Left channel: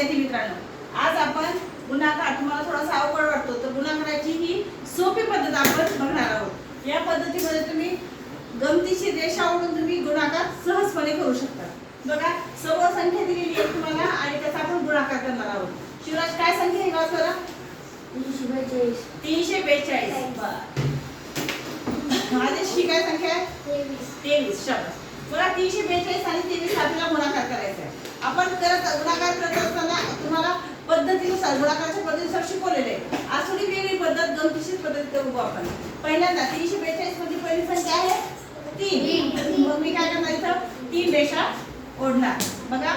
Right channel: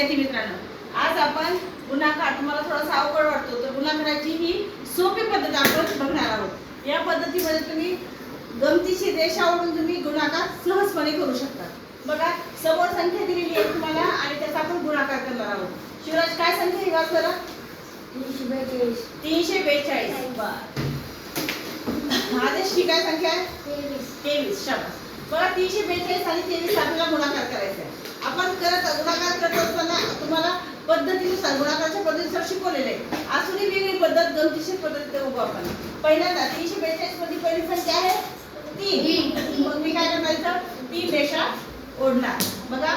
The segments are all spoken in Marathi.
विद्यार्थी मित्रांनो आज आपण गुणाकार तुम्हाला थोडासा अवघड वाटतो तर गुणाकाराची ही सोपी पद्धत आपण बघणार आहोत. या पद्धतीमध्ये तुम्ही गमतीशीर रेषा ओढून तुम्ही गुणाकार सहजपणे करू शकता. बघा समोर संख्या दिलेली आहे तुम्हाला आणि त्याचा आपण गुणाकार करणार आहोत. शिवराज काय संख्या आहे वाच बरं तीनशे बेचाळीस. आदेश ही काय संख्या आहे? तेवीस. तेवीस शाबास. मला तीनशे बेचाळीस आणि तेवीस आपल्याला गुणाकार करायचा आहे आपण करत गुणाकार करत असताना तुम्हाला पद्धतीनुसार गुणाकाराच्या पद्धतीनुसार शिकवलेले. आज थोडी वेगळी पद्धत गमतीशीर पद्धत बघू आपण. पहिल्यांदा तीनशे बेचाळीसमध्ये पहिली संख्या आहे तीन. मग मी काय करायचं? तीन रेषा ओढणार. बघा.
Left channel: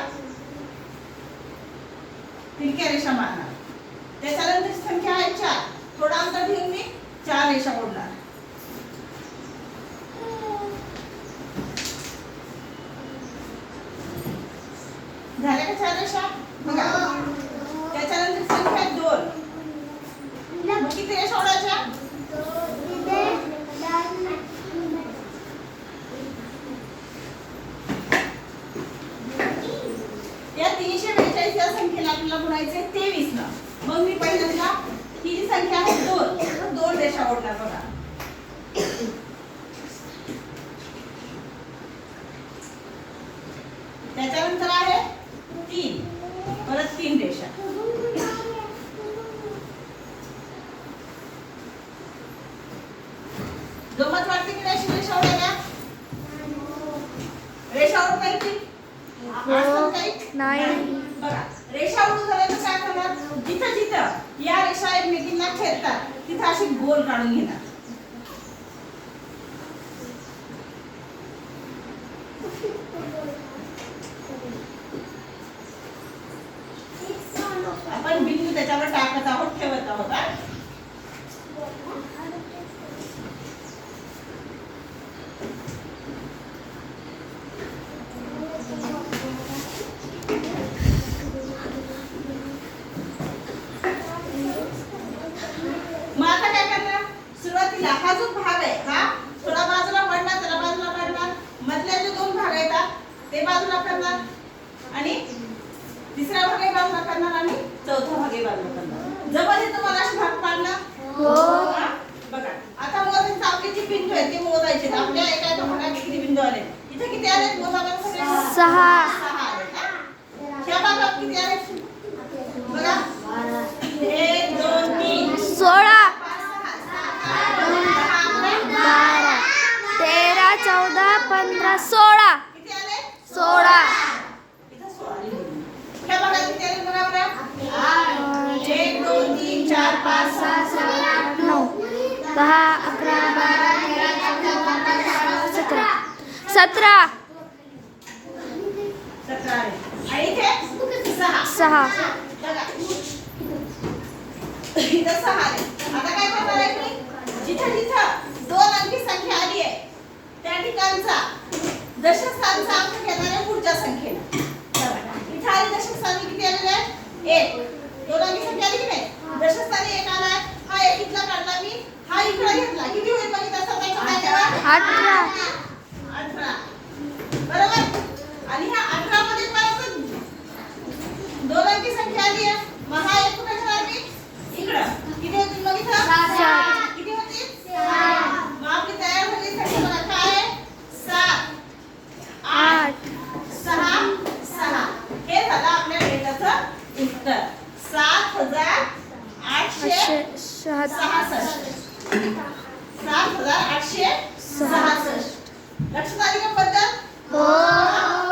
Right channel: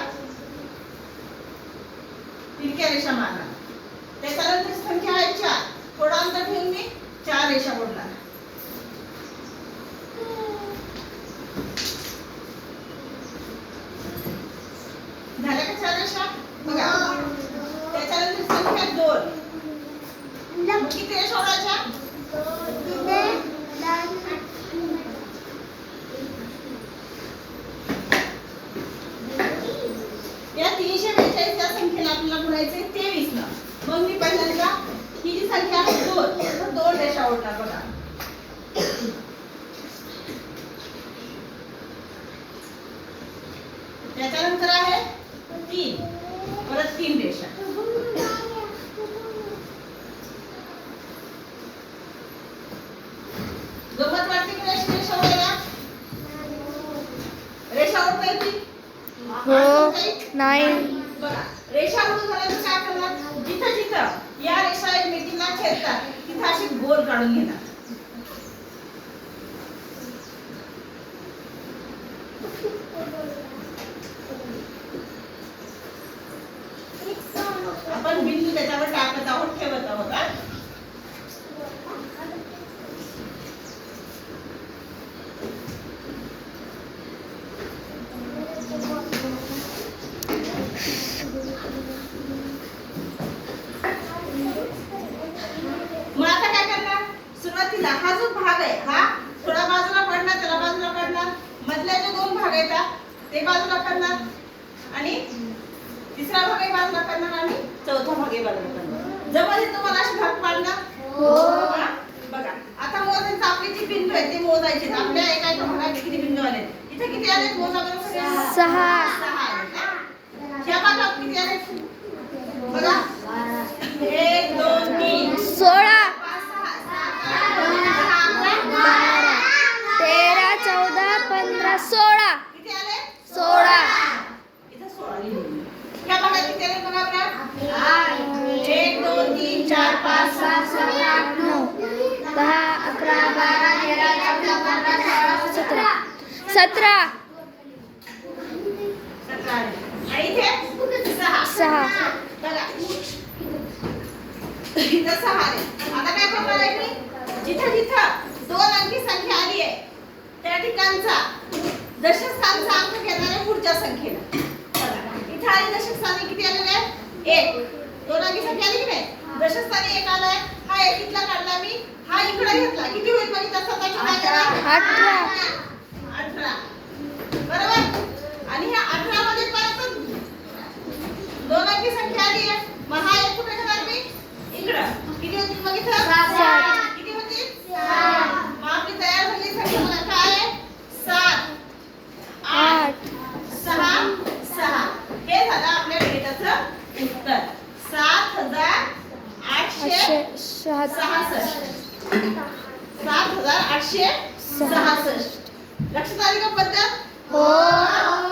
तिरक्या रेषा मारणार. त्याच्यानंतर संख्या आहे चार. थोडा अंतर ठेवून मी चार रेषा ओढणार झाल्या का चार रेषा बघा त्याच्यानंतर संख्या आहे दोन मग किती रेषा ओढायच्या या तीनशे बेचाळीस या संख्येला आपल्याला गुणायचे तेवीस ला मग मी पहिल्यांदा ही जी संख्या आहे दोन. तर दोन रेषा ओढणार बघा. त्याच्यानंतर आहे तीन. परत तीन रेषा गंमत वाटते की नाही अशी रेषा ओढायला रेषा ओढता येते हो नाही. रेषा उभं झाल्यावर काय करणार? जिथं जिथं या रेषा एकमेकींना छेदतात तिथं अशी गोल काढून घेणार आपण बिंदू त्याच्यावर टाकत आहोत ठेवत आहोत हा? मग आता काय करणार सुरुवातीला हा जो भाग आहे हा थोडा बाजूला पडणार त्याला बाजूला पडणार मधले जे दोन भाग आहेत ते बाजूला करणार. आणि तिसरा भाग आहे बाजूला करणार आणि चौथा भाग आहे बाजूला करणार. जवळ येतं मला असे भाग पाडणार. हो. बघा. आता मोजायचं आपले जे बिंदू आहेत ते मोजायचे. आपल्या एका एका भागात किती बिंदू आले इथे किती आले मोजा सहा. सहा आलेत? ह्या भागात किती आले बघा. एक दोन तीन. सोळा. पाच सहा बारा तेरा चौदा पंधरा सोळा. किती आले? सोळा इथं सोळा लिहिलेले. ह्या भागात किती आले बघा बरं एक दोन तीन चार पाच सहा सात आठ नऊ दहा अकरा बारा तेरा चौदा पंधरा सोळा सतरा सतरा सतरा आले. आणि इथे सहा। सहा बघा इथं सहा आले आता काय करणार आहे मी जिथं जिथं दोन अंकी संख्या आली आहे त्या ठिकाणचा दशक स्थानचा अंक घेणार आहे पुढच्या संख्येनं बघा, इथं आले दशक स्थानी किती आलेले आहेत एक दोन अंकी संख्या आली की नाही. दशक स्थानी एक आलाय हा एक इथला काढला मी. हा इकडे घेतला. किती होईल म्हणजे तसा अठरा बरोबर आणि ह्या अठरा मध्ये परत दोन अंकी संख्या आली आहे मग हा एक कुठे घेणार मी इकडं किती होतील मग इथं सात. किती होतील मग आपली तयार झाली संख्या मला काय आहे सात आठ सहा सहा हे झालं आपल्या डेटाचं उत्तर सात हजार आठशे सहासष्ट. सात हजार आठशे सहासष्ट. सहासष्ट. लक्षात आली का पद्धत? हो.